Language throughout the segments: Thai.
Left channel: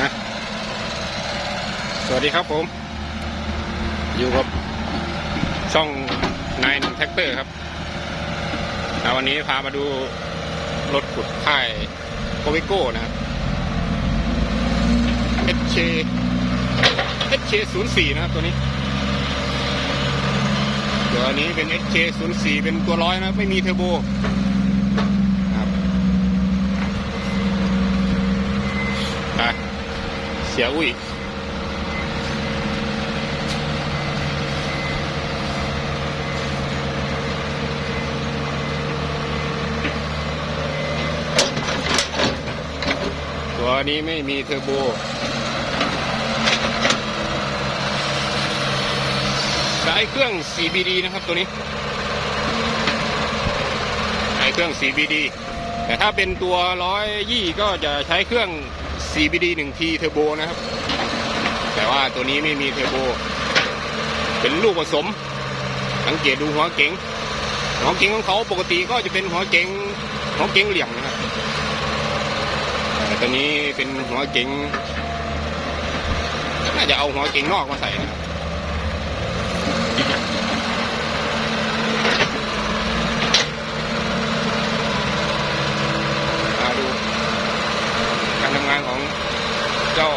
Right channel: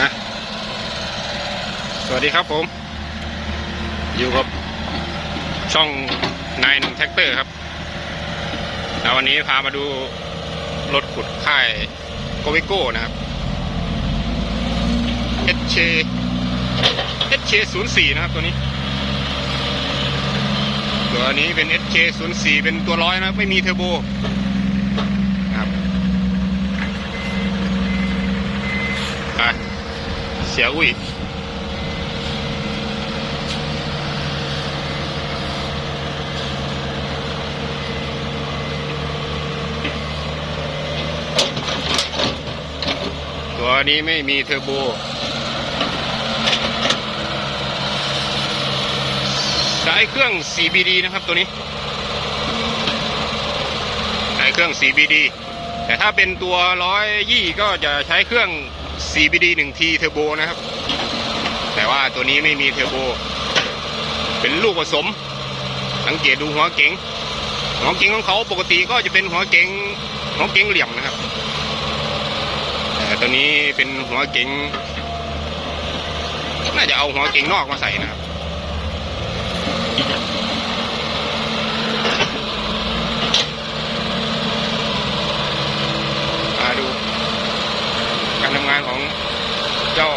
นะสวัสดีครับผม อยู่กับช่องนายหนึ่งแท็กเตอร์ครับแล้ววันนี้พามาดูรถขุดค่ายโกวิโก้นะครับ HK HK 0 4นะครับตัวนี้ ตัวนี้เป็น HK 0 4เป็นตัวร้อยนะครับ ไม่มีเทอร์โบไปเสียอุ้ยตัวนี้ไม่มีเทอร์โบใช้เครื่อง CBD นะครับตัวนี้ใช้เครื่อง CBD แต่ถ้าเป็นตัวร้อยยี่ก็จะใช้เครื่อง CBD 1 T เทอร์โบนะครับ แต่ว่าตัวนี้ไม่มีเทอร์โบ เป็นลูกผสม สังเกตดูหัวเก๋งหัวเก๋งของเขาปกติก็จะเป็นหัวเก๋งหัวเก๋งเหลี่ยมนะครับแต่ตัวนี้เป็นหัวเก๋งน่าจะเอาหัวเก๋งนอกมาใส่นะครับ มาดูการทำ งานของเจ้า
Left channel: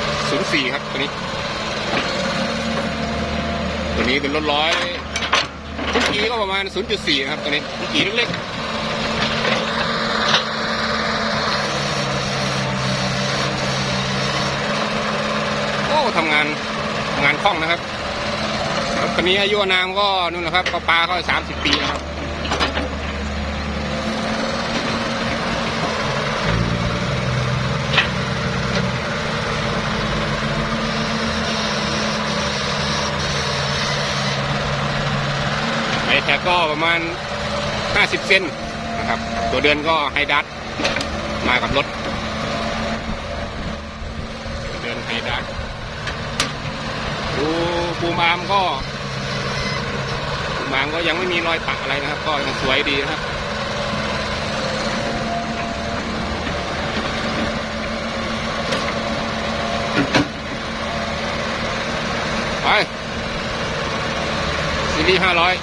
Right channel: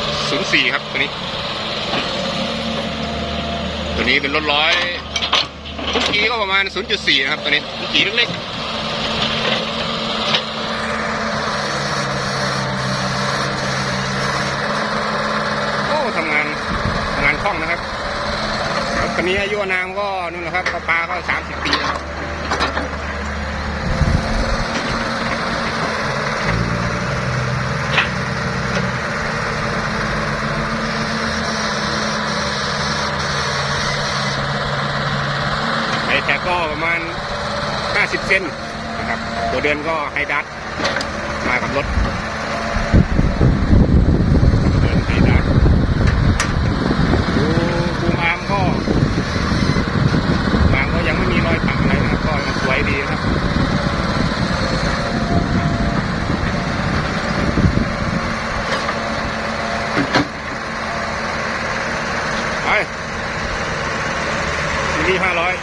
04 ครับตัวนี้ ตัวนี้เป็นรถร้อยทุกกีก็ประมาณ 0.4 นะครับตัวนี้ทุกกีเล็กๆโอ้ทำงานงานคล่องนะครับแล้วตัวนี้อายุนามก็นู่นนะครับปลาก็30ปีนะครับ แท็กก็ประมาณ 50 เซนนะครับ ตัวเดือนก็ไฮดัตมากับรถเดินไฮดัตดูปูมามก็บางก็ยังไม่มีรอยขัดอะไรนะครับ ก็ยังสวยดีนะครับไปซีรีส์ห้าร้อย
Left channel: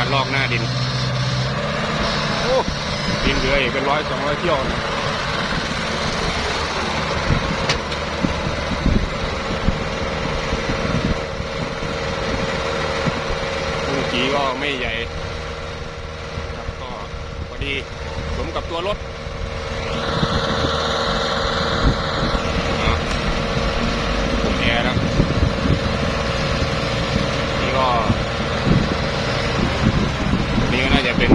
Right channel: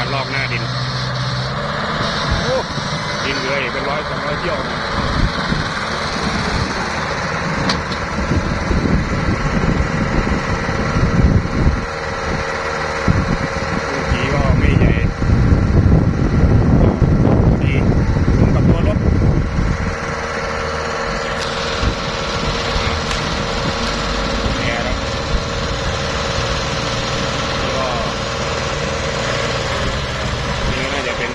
การลอกหน้าดินโอ้ดินเยอะอีกเป็นร้อยสองร้อยเที่ยวลูกจีก็ไม่ใหญ่ก็พอดีสมกับตัวรถ แอร์นะนี่ก็นี่ก็น่าจะเป็น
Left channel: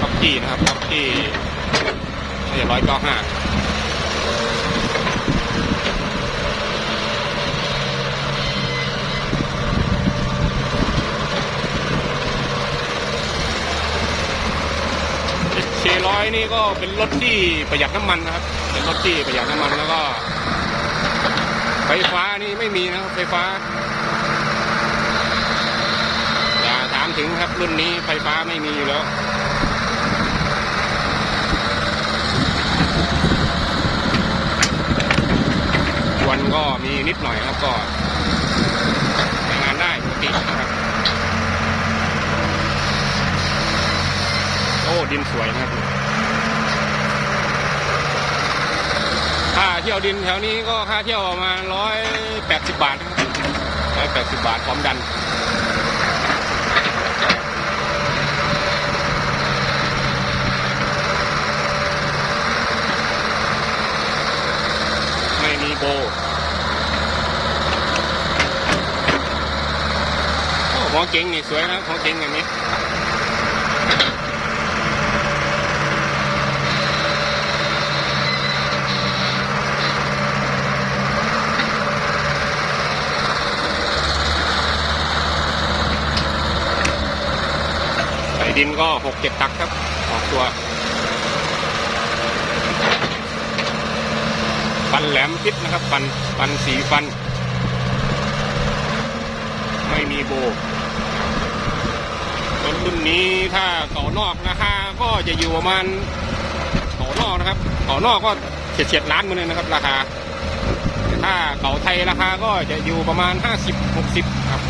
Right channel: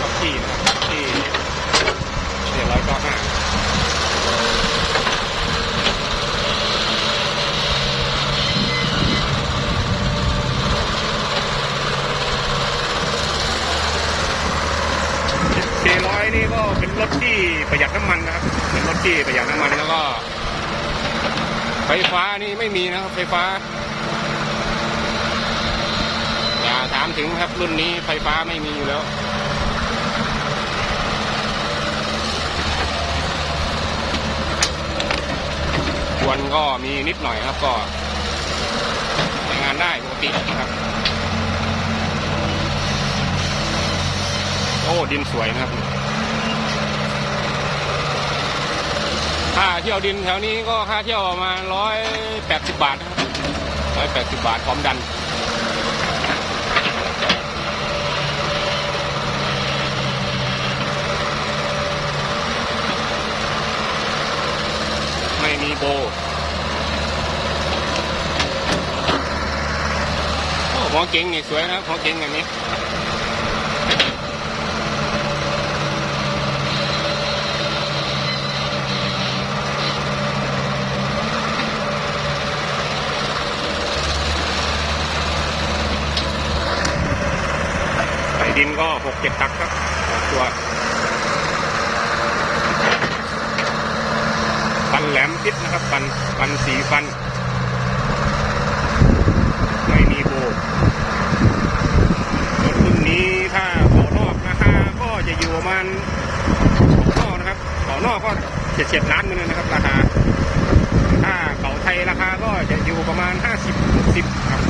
ล็อกกี้นะครับล็อกกี้เจ็ดร้อยเก้าห้าเคร้อย นี่ก็เป็นรถที่ประหยัดน้ำมันนะครับ เป็นรถที่ประหยัดน้ำมันแล้วก็ ไฟฟ้านี่ไม่มีนะครับ ไฟฟ้าอย่าถามถึงครับรุ่นนี้ไฟฟ้าไม่มีแล้วควนก็มีนิดหน่อยครับก็ใช้งานได้ปกตินะครับโอ้ดินสวยนะครับ ค่าเที่ยวดินแถวนี้ก็ค่าเที่ยวประมาณร้อยแปดสิบบาทนะครับร้อยแปดสิบบาทพร้อมดันไม่มีโบโอ้หัวเก๋งนี่สวยนะหัวเก๋งอันนี้ ดินก็หกเจ็ดตักครับออกตัวฟันแหลมคิดนะครับฟันฟันสีฟัน ไม่มีโบรถรุ่นนี้ถ้าต่อนอกราคาก็จะอยู่ประมาณต่อนะครับเก่านอกก็เฉียดเฉียดล้านเหมือนนนะครับ ราคา ถ้าเก่าไทยราคาก็จะอยู่ประมาณห้าสิบหกสิบครับ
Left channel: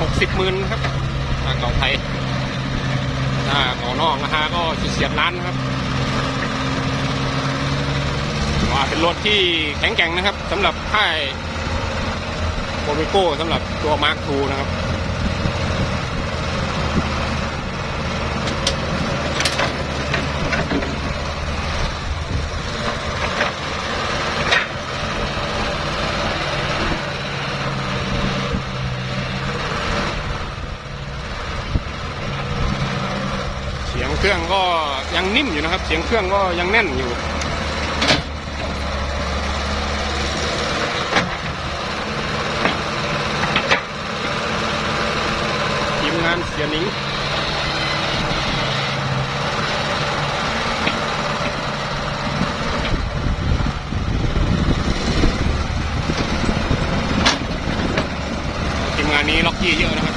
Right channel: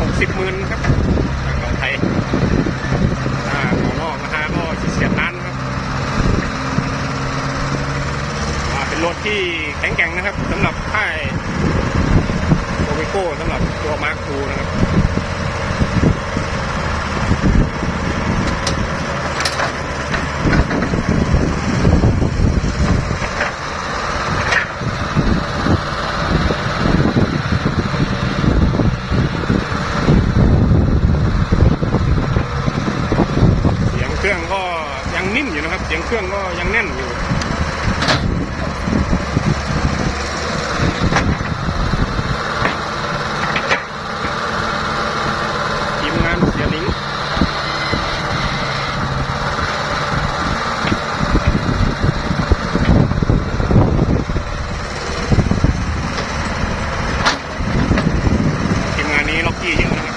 หกสิบหมื่นครับ ไทยถ้าเก่านอกนะฮะก็เสียดเฉียดๆล้านครับว่าเป็นรถที่แข็งแกร่งนะครับสำหรับค่ายโอเมโก้สำหรับตัวมาร์คทูนะครับ เสียงเค รื่องก็ยังนิ่มอยู่นะครับ เสียงเครื่องก็ยังแน่นอยู่ ทีมงานเสียหมิงทีมงานนี้ล็อกกี้เยอะนะครับ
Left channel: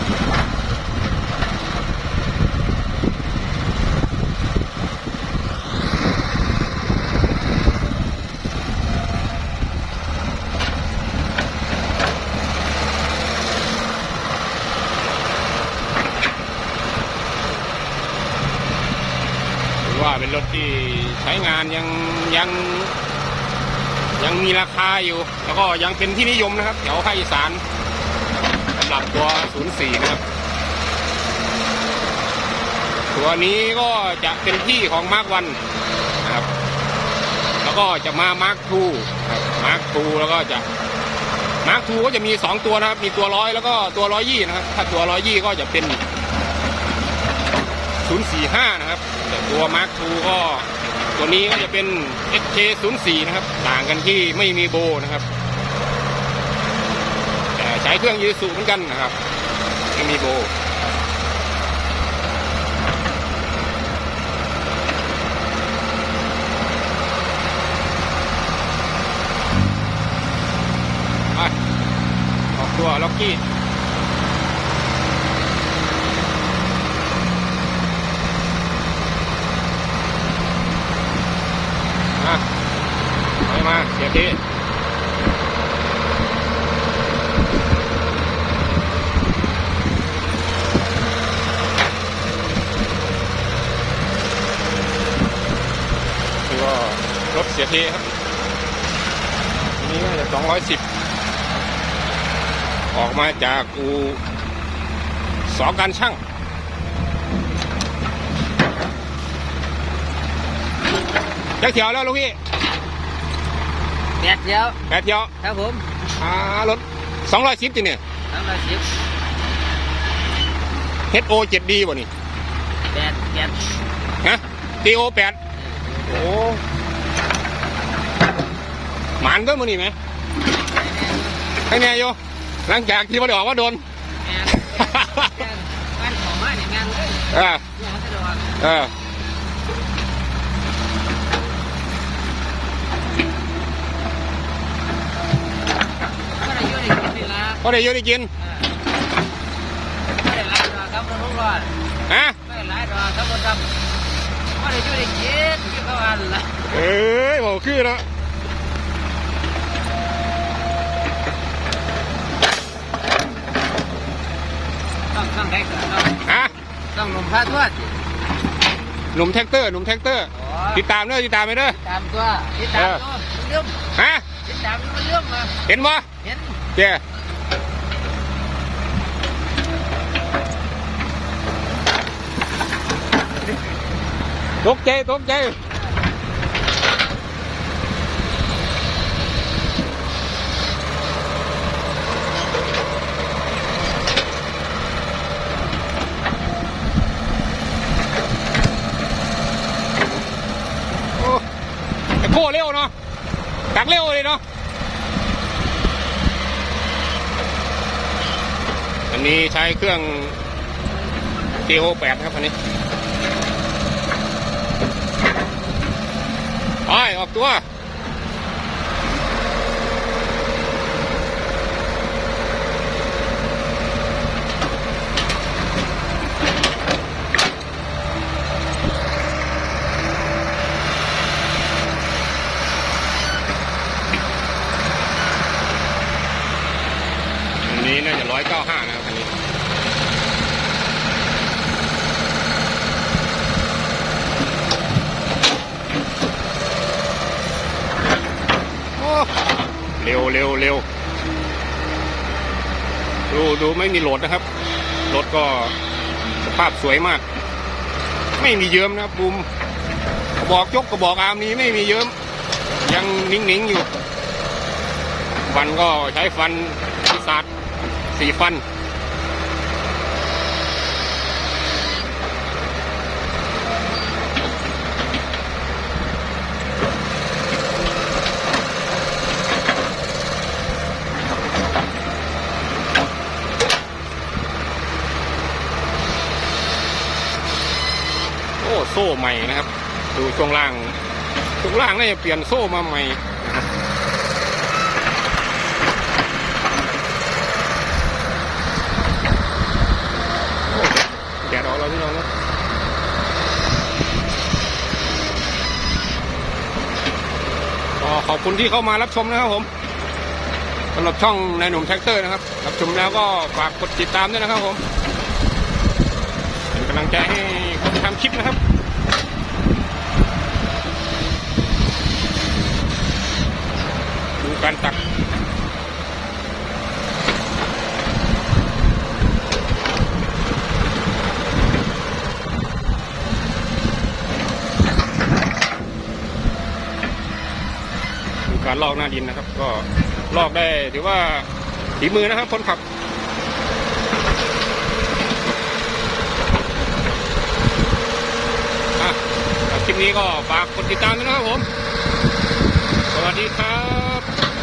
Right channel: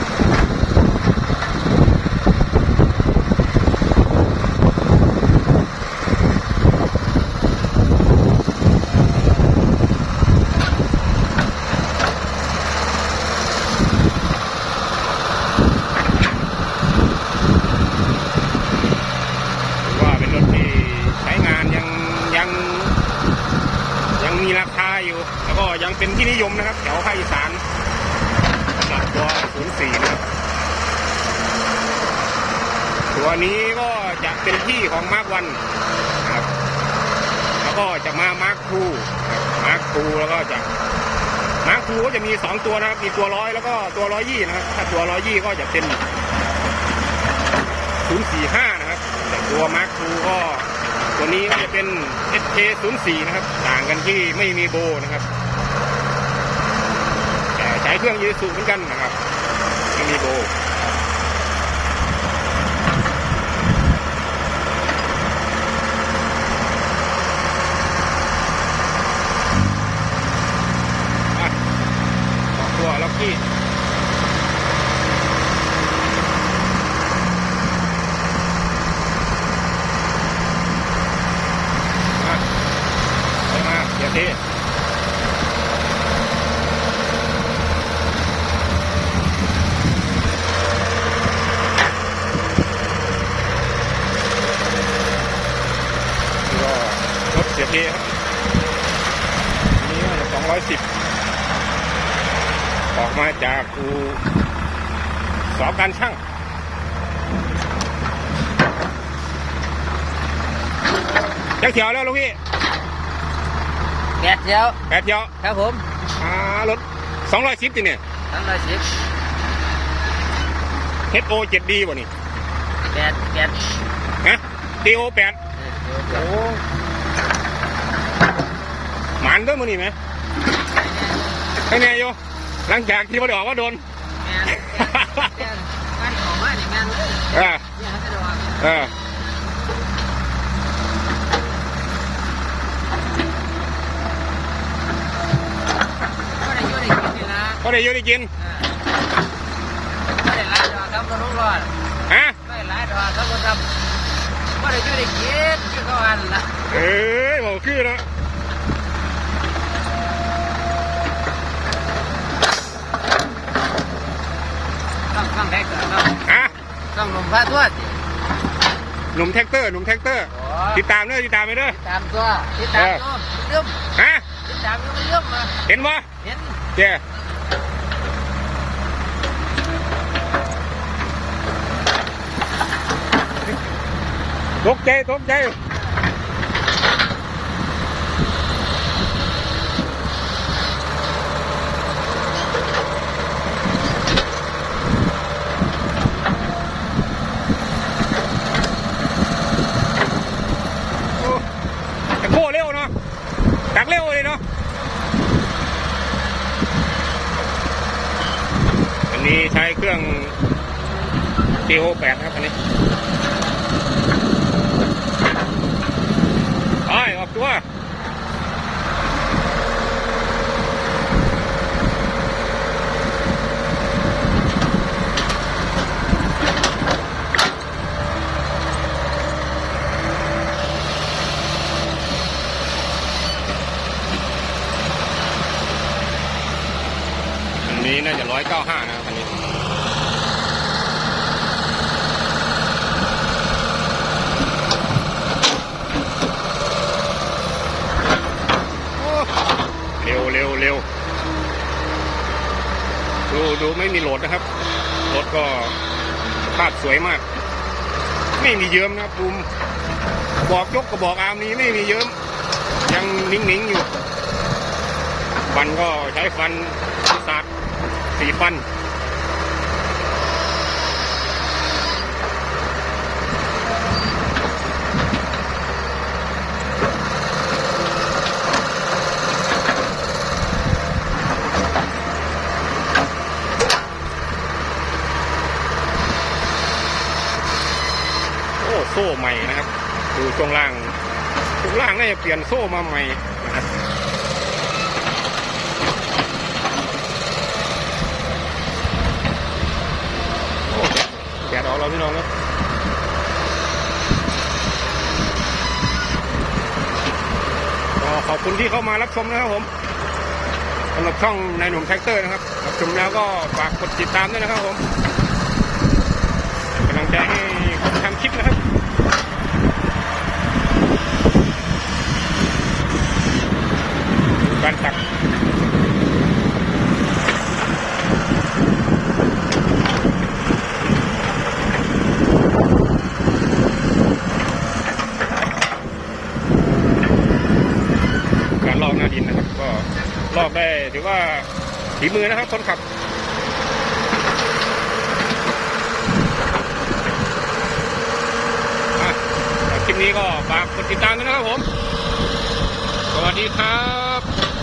ถือว่าเป็นรถที่ใช้งานยังยังยังมีราคา อยู่ แล้วก็ยังเป็นที่นิยมนะครับแถวภาคอีสานหรับตัว04นะครับ ตัวนี้ก็จะเป็นที่ของมาร์ควันนะครับ แล้วก็จะมามาร์คทูมาร์คทูแล้วก็จะมาร์คทูก็จะมีสองตัวนะครับ มีตัวร้อยแล้วก็ตัวร้อยยี่นะครับ ถ้าตัวร้อยยี่ก็จะเป็น045 นะครับ ตัว Mark II ก็ ตัวนี้ก็จะเป็น SK04 นะครับ ต่างกันที่ไม่มีโบนะครับใช้เครื่องยูสุเหมือนกันนะครับ ไม่มีโบ อะออกตัวล็อกกี้ มาไป มาเดี๋ยวดีก็รถเสียเทครับนนี้น่าจะสองร้อยสิบออกมาจากอูสองการช่างจักเถียวแล้วลูกพี่ แปดเดียวแปดเถียวครับผมอ่ารถสองร้อยสิบติเนี่ยสามร้อยสิบ HO เจ็ดดีบ่นี่แปดเจ็ดฮะ DO แปดโอ้หมันก็มือนี่ไหมไอ้เนี่ยโยหลังจากที่มาได้ออกว่าโดนแมนแมนบ้านของมาเนี่ยแมนเลยเออเนี่ยเขาจะระวังเออ ก็ได้ช่วยกินละก็ได้อยูได้กินก็ได้หลายดอกครับคนรู้รอดฮะก็ได้หลายดอกครับคนทำก็ได้ช่วยกินที่เขาอันละเอ้ยบอกคือแล้วต้องต้องแท็กครับฮะต้องลงพระทวดหนุ่มแท็กเตอร์หนุ่มแท็กเตอร์ ติดตามเด้อติดตามไปเด้อตามตัวติดตามตัวเรื่องฮะติดตามเรื่องมาเห็นบ่เห็นเจ้ ตกใจตกใจโอ้แต่โก้เร็วเนาะตักเร็วเลยเนาะอันนี้ใช้เครื่อง TO 8ครับอันนี้ไปออก ตัว 95 นะครับคันนี้ โอ้เร็วเร็วเร็ว ดูไม่มีโหลดนะครับ รถก็สภาพสวยมาก ไม่มีเยิ้มนะครับบูมกระบอกยกกระบอกอามีไม่มีเยิ้ม ยังนิ่งๆอยู่ ฟันก็ใช้ฟันพิศาจสีฟัน โอ้โซ่ใหม่นะครับ ดูช่วงล่างช่วงล่างน่าจะเปลี่ยนโซ่มาใหม่นะครับโอ้แดดออกแล้วพี่น้องนะก็ขอบคุณที่เข้ามารับชมนะครับผมสำหรับช่องนายหนุ่มแท็กเตอร์นะครับ รับชมแล้วก็ฝากกดติดตามด้วยนะครับผมเป็นกำลังใจให้ ทำคลิปนะครับดูการตักการลอกหน้าดินนะครับ ก็ลอกได้ถือว่าฝีมือนะครับคนขับ อะคลิป นี้ก็ฝากกดติดตามนะครับผม สวัสดีครับ